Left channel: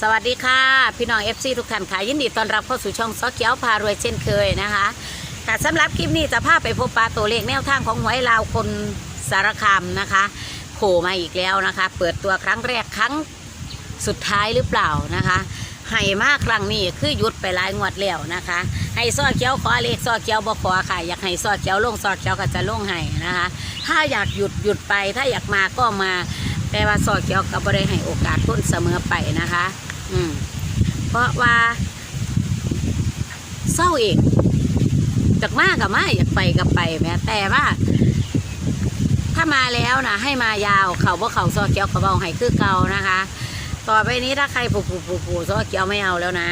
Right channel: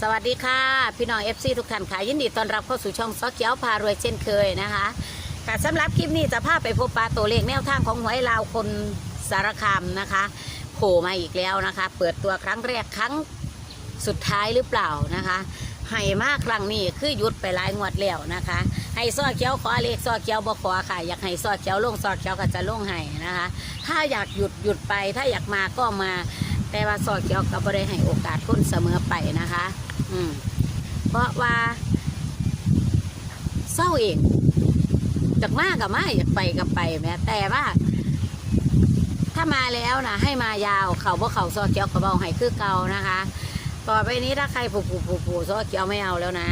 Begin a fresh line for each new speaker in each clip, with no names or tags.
สวัสดีค่ะ พี่น้อง FC ทุกท่านค่ะยินดีต้อนรับเข้าสู่ช่องซอเกียวพารวยเช่นเคยนะคะค่ะสำหรับคลิปนี้จะพาไปพบปลาตัวเลขแนวทางของหวยลาวคนสารคามนะคะโผล่มาอีกแล้วนะคะ เปิดตัวครั้งแรกครั้งสุดท้ายหรือเปล่านะคะให้มากครั้งนี้คือหยุดไปหลายงวดแล้วนะคะ ให้ซอเกียวขอเลขซอเกียวบ่ขอค่ะ อยากให้ซอเกียวลงซอเกียวก็จะลงให้นะคะ ถ้าอยากหยุดหยุดไป ถ้าอยากมาก็มา แต่ว่าซอเกียวก็บ่ได้ให้โอกาสคนเสมอไปนะคะ เพราะว่าเศร้าเอีกจากมากับมาอยากไปกับไปแม้แต่ว่า ถ้ามาแล้วนะให้มายาวเขาว่าเขาซอเกียวกระเบาให้คือเก่านะคะ ต่อไปนี้ถ้าใครผูผูผูผูซอเกียวไม่เอาแล้วนะ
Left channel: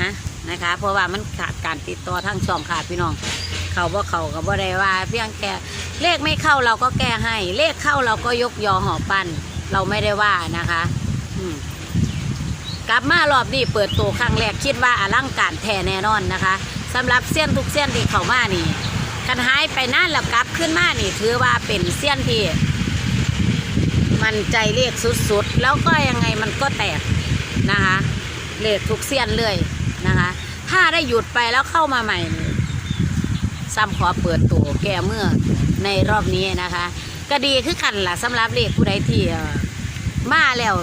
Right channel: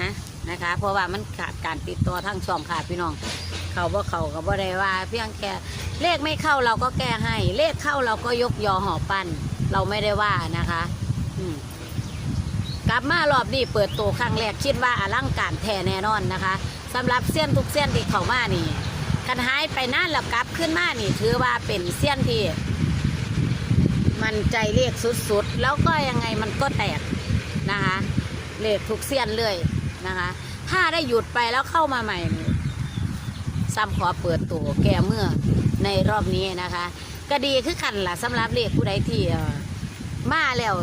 นะคะ เพราะว่ามันขาดการติดต่อทั้งช่องขาดพี่น้องเขาว่าเขาก็บ่ได้ว่า เพียงแค่เลขไม่เข้าเราก็แก้ให้ เลขเข้าเราก็ยกยอหอปั้นเราไม่ได้ว่านะคะ อืม กลับมารอบนี้เปิดตัวครั้งแรกคิดว่าอลังการแท้แน่นอนนะคะสำหรับเส้ยนทุกเส้ยนที่เขามานี่กันหายไปนานแล้วกลับขึ้นมานี่ถือว่าเป็นเส้ยนที่มันใจเลขสุดๆ แล้วก็ยังไงมันก็แตกนะคะเลขทุกเส้ยนเลยนะคะ ถ้าได้หยุดไปแล้วเข้ามาใหม่ซ้ำขอเปิดตัวแก้เมื่อในรอบนี้นะคะ ก็ดีคือกันล่ะสำหรับเลขผู้ใดที่เอ่อมาแล้ว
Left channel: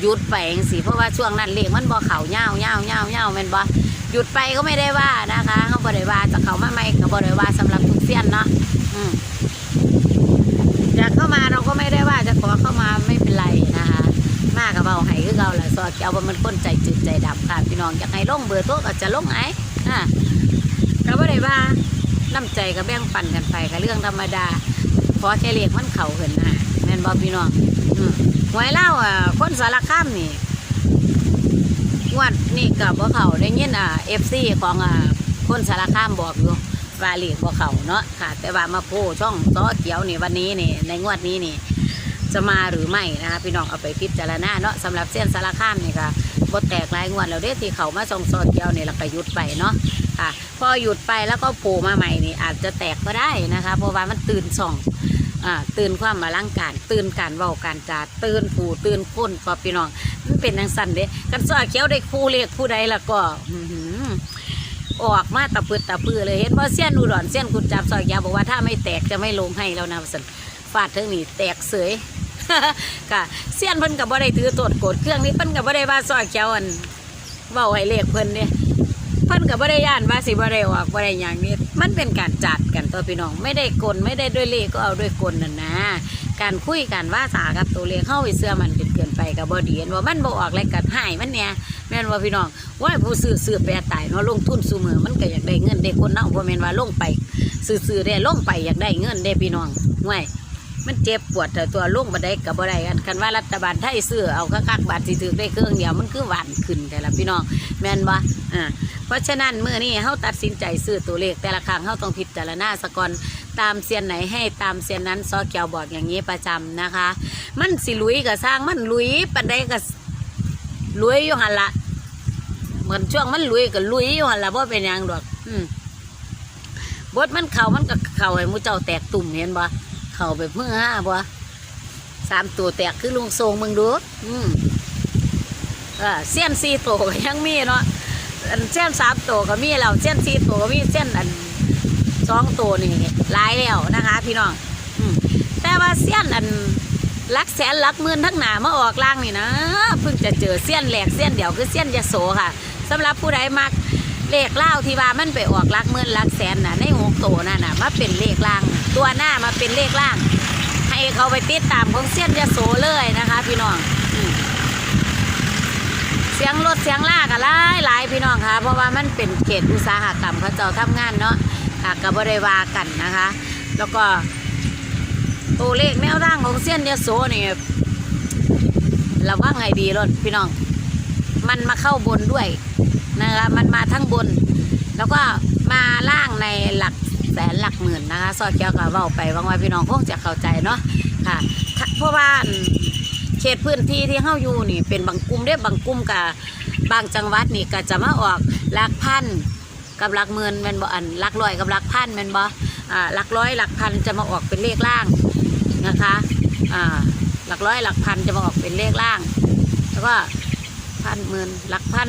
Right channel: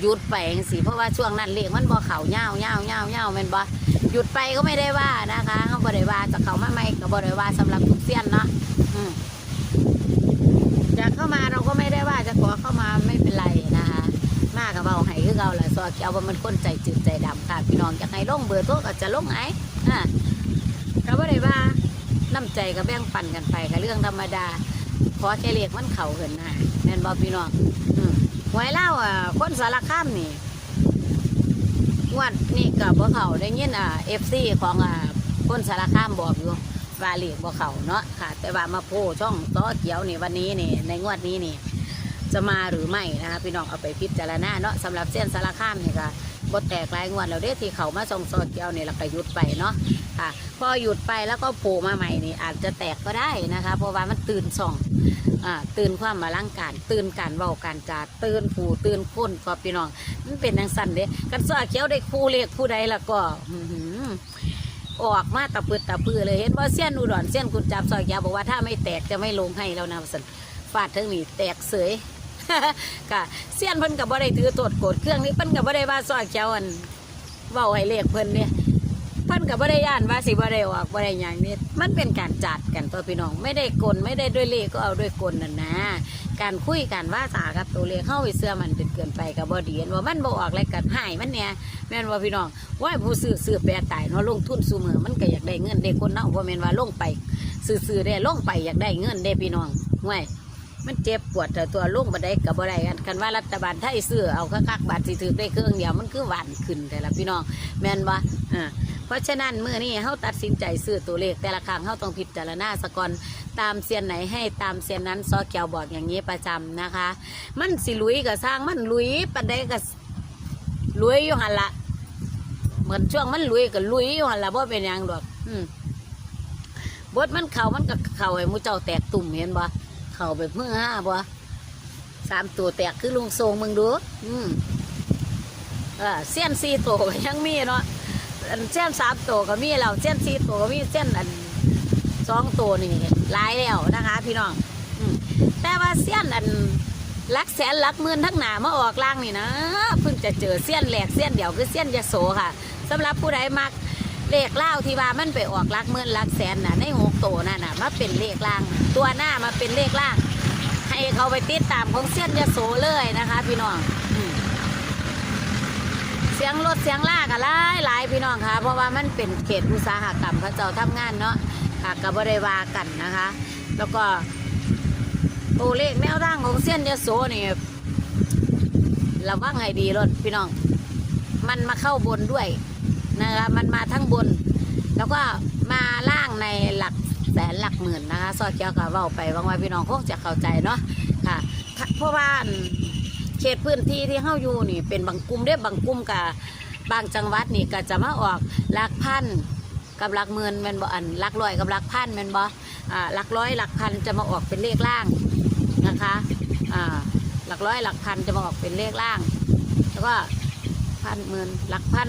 หยุดไปงสิเพราะว่าช่วงนั้นเลขมันบ่เขาเงาเงาเงาเงาม่นบ่หยุดไปก็ไม่ได้ว่านะคะเขาบ่ได้ว่าจะเขามาใหม่ก็บ่ได้ว่าสำหรับทุกเสี้ยนเนาะจะเข้ามาเราก็ไม่ได้ว่าจะขอเข้ามาไม่เป็นไรนะคะมากับเบาให้คือเราแหละสอดเจ้าว่ามันคนใจจึงใจดำค่ะพี่น้องอยากให้ลงเบอร์โทรก็จะลงไอ้อะเราไม่ได้ว่าน้ำใจก็แบ่งปันกันไปก็เรื่องธรรมดา ขอแค่เรียกมันเข่าเหินหาแม่นบอพี่น้องหวยเล่าอะคนสารคามนี่งวดนี่กับว่าเขาได้ยินอะเอฟซีของอะคนสารคามบอกอยู่ว่าเรีกว่าเขาเนาะค่ะ แต่ว่ามาพูช่องต้อเขียวนี่วันนี้นี่ในงวดนี้นี่ จะมาหรือไม่นะคะพี่น้องเอาไปพิจารณาเนาะสำหรับเส้นสารคามนี่ค่ะ ก็แตกหลายงวดแล้วเด้ที่เขามาส่งโซเกียวเนี่ยเราไปหยุดไปเนาะค่ะพอหยุดไปแล้วก็ผล่มาใหม่นี่อาจจะแตกก็ได้นะคะ เพราะว่ามันตื่นส่องอ่าตื่นความมาร่างการตื่นการเบาการจาตื่นผูตื่นคนพอพี่น้องมันเป็นทังสันเด้กันสอเขียวได้คู่เรียกผู้ใดล้วก็ออกมาตะปืดตะปือเลยเห็นว่าเส้นอุดรเส้นกุญจับสอเขียวบอกว่าถ้าไม่แตกจะไม่ลงให้แล้วนะสันฟาดเทั้งนี้แตกเสย ค่ะเสี้ยนเพิ่นกับบ่ได้ถือโตดโกดเครื่องนี้เพิ่นกับบ่ได้ว่าสอเขียวอันเบาให้เรียกเพิ่นเนี่ยเพิ่นกับบ่ได้ย่านว่าสิบ่ได้ออกบ่ได้หยังนี่มันเป็นการจัดกันตัวพี่น้องไม่ได้กลไม่ได้ด้วยเลขก็เอาด้วยกลนั่นนะ การคุยกันว่าสากับตัวเลขเข้าไปเสื้อมันจนเกินไปกับบ่ดีเห็นว่ามันบ่ออกแล้วกันให้มันเนี่ยแม่นว่าพี่น้องว่าผู้ซื้อซื้อแปรตายเนาะลงทุนซุมือมันก็อยากได้เงินได้คนเนาะบ่แม่นว่าลงไปซื้อๆได้ลงไปอยากได้เงินได้พี่น้องห่วย มันเจ็บปวดแต่ตัวลงมาได้กับบ่ได้กันคันว่ารัฐบาลไทยซื้อเอาคักๆบาทสิถือได้เครื่องเดียวมันคือหวานขึ้นแต่ละพี่น้องแม่นบ่อ่าเพราะฉะนั้นเมื่อนี้เขาตัดสินใจซื้อตัวเลขแต่ละครั้งเขาต้องพิจารณาสกอนตามเซียนไหนให้ตามเซียนนั้นซอเกียวบอกอย่างนี้ประจำนะคะ มันสิลุยกับสร้างมันลุยปันใดกับลุยอยู่หันละเหมือนช่วงมันลุยกับลุยอยู่หันละเพราะเป็นยังดอกอืมบดมันเข่ามันกับเข่าให้มูเจ้าแตกตุ่มเห็นบ่ เข่าแบบเมื่อห้าบ่สามตัวแตกคือลุงทรงมึงดูอืมเออเซียนซีโตวก็ยังมีเนาะอันเส้นสามตัวก็มีแล้วเส้นสี่ตัวก็มีเส้นอันสองตัวนี่หลายแล้วนะคะ พี่น้องอืแต่ว่าเส้นอันลักแสนลักหมื่นทั้งหนามาออกล่างนี่นะเพิ่งจะเจอเส้นแหลกเส้นเดียวคือเส้นยโสค่ะสำหรับผู้ใดมัก เลขเล่าที่ว่ามันไปออกลักหมื่นลักแสนน่ะในหกตัวนั่นน่ะมาเป็นเลขล่าง ตัวหน้ามาเป็นเลขล่าง ให้เขาไปติดตามของเส้นยโสเลยนะคะ พี่น้องเสียงรถเสียงลากอะหลายหลายพี่น้องค่ะเพราะว่ามันเป็นเขตอุตสาหกรรมเขาเจ้าทำงานเนาะค่ะกับบริวากันนะคะ แล้วก็ตัวเลขแนวทางของเส้นยโสนี่ระวังให้ดีรถพี่น้อง มันมาเข้าบนด้วย นะคะมันมาทั้งบน แล้วก็มาล่างในหลักแสนหลักหมื่นนะคะซอเกี่ยวกับว้าไปบางวันพี่น้องคงจะเข้าใจเนาะค่ะเพราะว่าเขตพื้นที่ที่เฮาอยู่นี่เป็นบางกลุ่มเด้บางกลุ่มกับบางจังหวัดนี่ก็จะมาออกหลักพันกับหลักหมื่นม่นบ่อันหลักร้อยกับหลักพันม่นบ่อ่าหลักร้อยหลักพันจะมาออกเป็นเลขล่างนะคะอ่าหลักร้อยหลักพันจะมาออกเป็นเลขล่าง แล้วก็พันหมื่นหลักพัน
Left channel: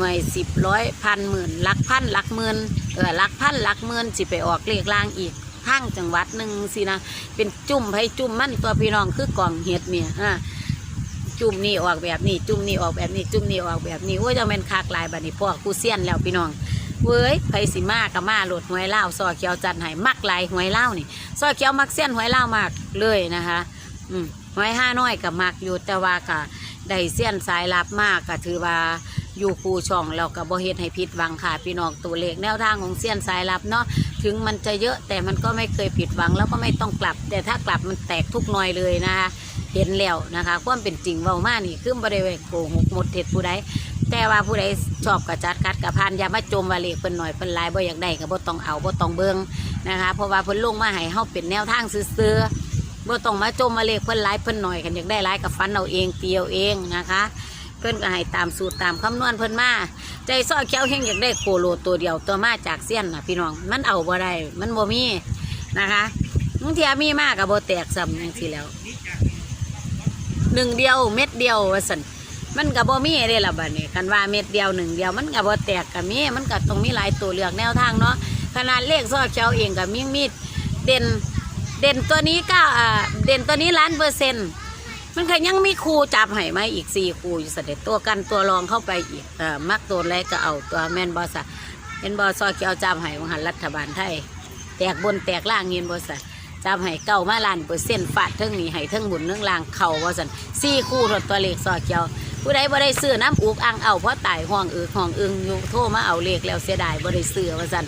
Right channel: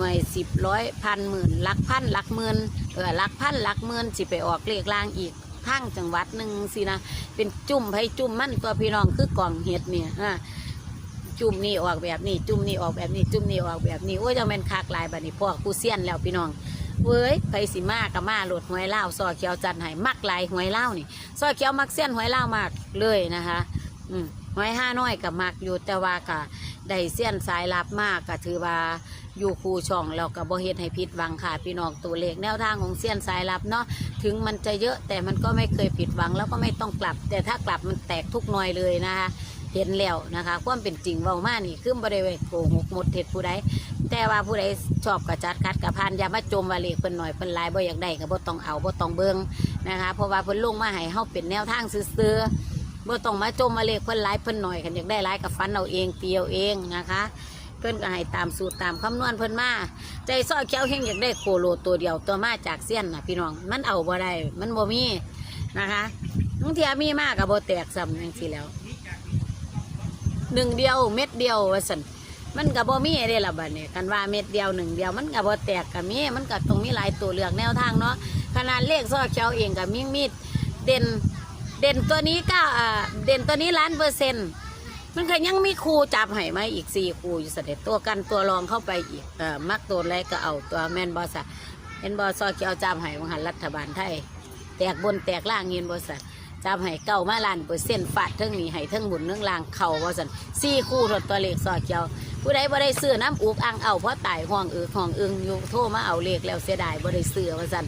น่วยสิบร้อยพันหมื่นลักพันลักหมื่นเออลักพันลักหมื่นสิไปออกเลขล่างอีกทางจังหวัดหนึ่งสินะเป็นจุ่มให้จุ่มมั่นตัวพี่น้องคือกล่องเห็ดเนี่ยอ่าจุ่มนี่ออกแบบนี้จุ่มนี่ออกแบบนี้จุ่มนี่ออกแบบนี้ว่าจะเป็นคากลายบัดนี้พวกกูเซียนแล้วพี่น้องเว้ยไผสิมากับมาหลุดหวยเล่าซอเขียวจันไห้มักลายหวยเล่านี่ซอเขียวมักเส้นหวยเล่ามากเลยนะคะอืมหวยห้าน้อยกับมักอยู่แต่ว่าก็ได้เส้นสายลับมากก็ถือว่า อยู่คูช่องเราก็บ่เฮ็ดให้ผิดหวังค่ะพี่น้องตัวเลขแนวทางของเส้นสายลับเนาะถึงมันจะเยอะแต่มันก็ไม่เคยผิดหวังแล้วก็ไม่ต้องกลับ แต่ถ้ากลับมันแตกทุกหน่อยเลยนะคะเห็นแล้วนะคะความเป็นจริงเว้ามานี่คือบ่ได้ไว้โกหกหมดเท็จผู้ใดแต่ว่าผู้ใดชอบกระจัดกัดกระพานอย่ามาจมว่าเลขเพิ่นหน่อยเพิ่นหลายบ่อยากได้ก็บ่ต้องเอาบ่ต้องเบิ่งนะคะเพราะว่าเพิ่นลงมาให้เฮาเป็นแนวทางซื่อๆบ่ต้องมาจมวาเลขเพิ่นหลายเพิ่นหน่อยกันอยากได้หลายกับฟันเอาเองเตียวเองนะคะ เพิ่นก็ให้ตามสูตรตามคำนวณเพิ่นมาใจซ้อเขียวเฮงอยากได้โคโลตัวเดียวตัวมาจากเสี้ยนนะพี่น้องมันเอาบ่ได้มันบ่มีนะคะบางทีมีมากก็บ่แตกซ้ำจังซี่แล้วหนึ่งเดียวเม็ดเดียวว่าซั่นมันกับบ่มีเด้ล่ะบัดนี้คันว่าเม็ดเดียวหนึ่งเดียวมันกับบ่แตกกับมีมันก็ต้องมีหลายตัวเลือกแนวทางเนาะขนาดเลขซอเช้าเองกับมีมีดเด่นเด่นตัวนี้ก็เด่นตัวนี้ล้านเปอร์เซ็นต์ มันก็ยังมีครูจับให้มาอีกสี่ครูอยู่เสด็จตัวกันตัวรองเข้าไปอีกเอ่ามักตัวอะไรก็เอาตัวแม่นบอสะเห็นบอซอเกียวจับให้มหันรัฐบาลไทย แตกบนแตกล่างเงินบอสะจับให้เก้ามาล้านเปอร์เซ็นต์ฟาดเทิงนี้ให้เทิงบุญเทิงล่างเข่าบอสันสี่คู่ถดตัวเลขซอเกียว ผู้ใดบ่ได้ซื้อน้ำอุกอังเอาเพราะตายห้องอือห้องอึงอยู่โทรมาเอาเลขแล้วเสียดายบ่ได้ซื้อว่าซั่น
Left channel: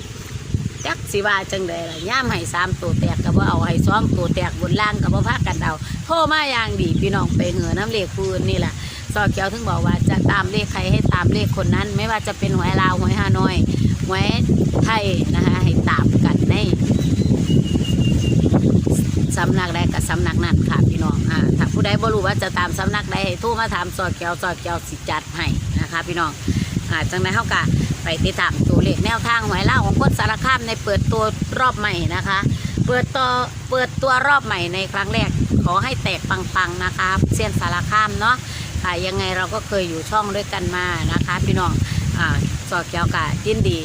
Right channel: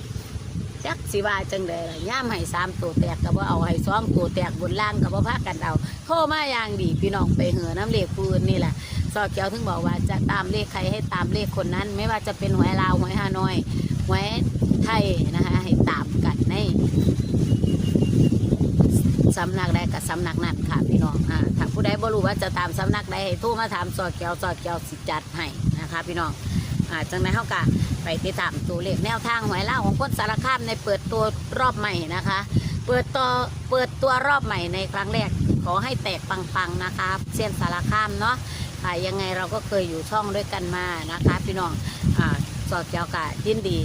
จักสิว่าจังไดล่ะย่ามให้สามตัวแตกก็บ่เอาให้สองตัวแตกบนล่างก็บ่พากันเอาโทรมาอย่างดีพี่น้องไปเหอน้ำเลขปืนนี่แหละซอเขียวถึงบอกว่าจะตามเลขใครให้ตามเลขคนนั้น ไม่ว่าจะเป็นหวยลาวหวยฮานอยหวยไทยนะคะให้ตามกันในสำนักใดกับสำนักนั้นค่ะพี่น้องอ่าถ้าผู้ใดบ่รู้ว่าจะตามสำนักใดให้โทรมาถามซอเกียวซอเกียวสิจัดให้นะคะ พี่น้อง ค่ะ จังไดเฮากะไปติดตามตัวเลขแนวทางหวยเล่าของคนสารคามในเปิดตัวรอบใหม่นะคะ เปิดตัวเปิดตัวรอบใหม่ในครั้งแรก ขอให้แตกปังๆนะคะเส้นสารคามเนาะค่ะยังไงเราก็เคยอยู่ช่องด้วยกันมานะคะ พี่น้องอ่าสอเกียวกะยินดี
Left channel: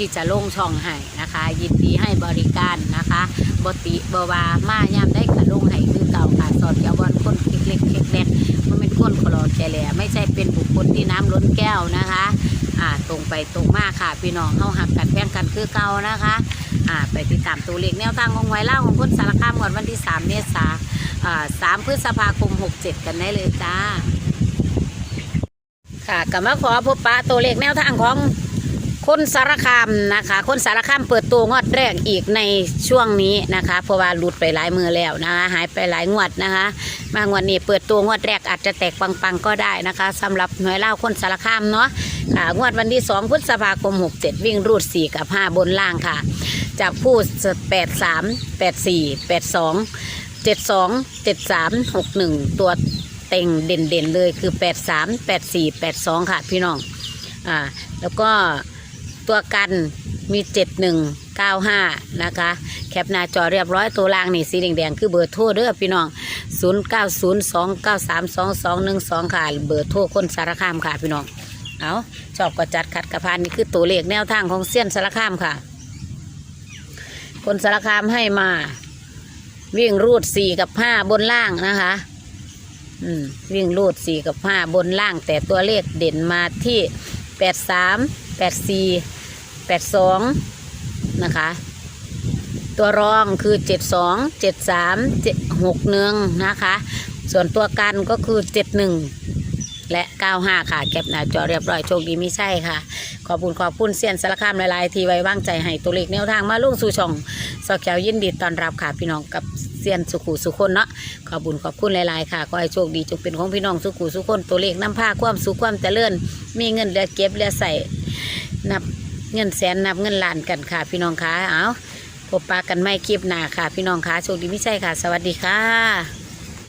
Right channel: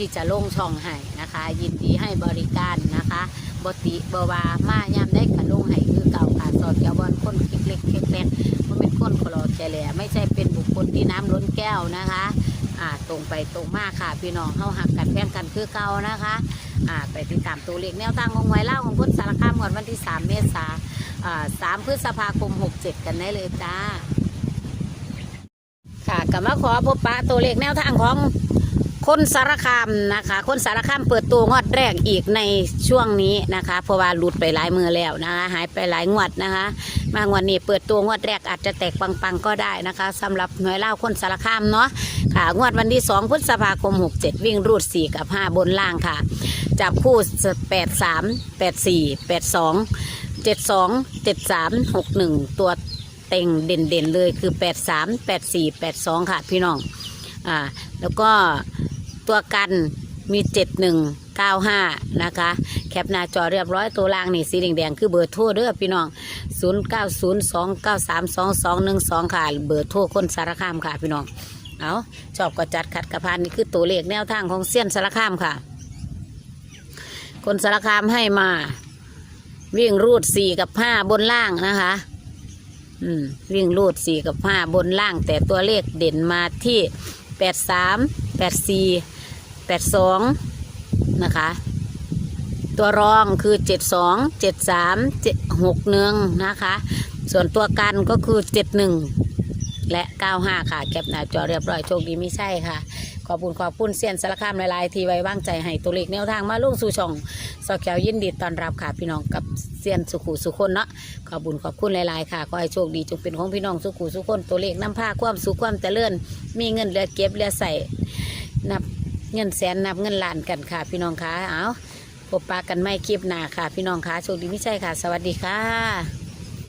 ที่จะลงช่องให้นะคะ ยินดีให้บริการนะคะบติบวามาย่ำได้กระลงให้คือเก่าค่ะสอนเยาวชนคนคิดเล็กคิดเล็กมันเป็นคนขลอดแกแหล่ไม่ใช่เป็นบุคคลที่น้ำล้นแก้วนะคะอ่าตรงไปตรงมาค่ะพี่น้องเข้าหักกันแบ่งกันคือเก่านะคะอ่าไปติดตามตัวเลขแนวทางของไวเล่าของคนสารคามก่อนวันที่ 3 เมษาอ่า3พฤษภาคม 67 กันได้เลยจ้าค่ะก็มาขอพบปะตัวเลขแนวทางของ คนสารคามนะคะ คนสารคามเปิดตัวงวดแรกอีกในช่วงนี้นะคะ เพราะว่าหลุดไปหลายมือแล้วนะคะหายไปหลายงวดนะคะบางวันนี้เปิดตัวงวดแรกอาจจะแตกปังๆก็ได้นะคะสำหรับหน่วยเล่าคนสารคามเนาะค่ะงวดวันที่ 2พฤษภาคม 67 วิ่งรูด 4 กับ 5 บนล่างค่ะจากผู้8 3 8 4 8 2 7 2 7 3 6 1 ตัวเต็งเด่นๆเลยคือ 8 3 8 4 8 2 ค่ะพี่น้อง อ่า แล้วก็ ตัวกันมี7195 นะคะ แคปหน้าจอเรียบร้อยตัวล่างนี่สีแดงๆคือเบอร์โทรเด้อพี่น้อง 0902932212 ค่ะ เบอร์โทรคนสารคามค่ะพี่น้อง เอาชอบก็จัดขัดกระพานนี่คือตัวเลขแนวทางของเส้ยนสารคามค่ะ คนสารคามให้มา วิ่งรูด 4 กับ 5 บนล่างนะคะอืมวิ่งรูดสี่กับห้าบนล่าง แต่ตัวเลขเด่นมาที่แปดสาม แปดสองนะคะ ตัวรองคือเจ็ดสองเจ็ดสามเจ็ดหกหนึ่งนะคะ ส่วนตัวกันก็คือเจ็ดหนึ่งและเก้าห้าค่ะเก็บหน้าจอเรียบร้อยโชคดีไม่ใช่ค่ะ ขอบคุณขอบคุณเซียนสารคามหลายๆ ที่ไว้วางใจให้ตัวเลขแนวทางมาลุ่งสู่ช่องสอแขวยินดีตอนรับค่ะพี่น้องกับเซียนสุขุสุคนเนาะขอบคุญขอบคุณหลายๆค่ะขอให้โชคดีจงเป็นของพี่น้องสุขุสุขคนตัวเลขน้ำผ้าความสุขความเจริญมีเงินเหลือเก็บเหลือใส่นับ เงินแสนนับเงินล้านกันค่ะ พี่น้องคะเอาพบปะกันไม่คลิปหน้าค่ะ พี่น้องคะโชคดีพิชัยค่ะ สวัสดีค่ะ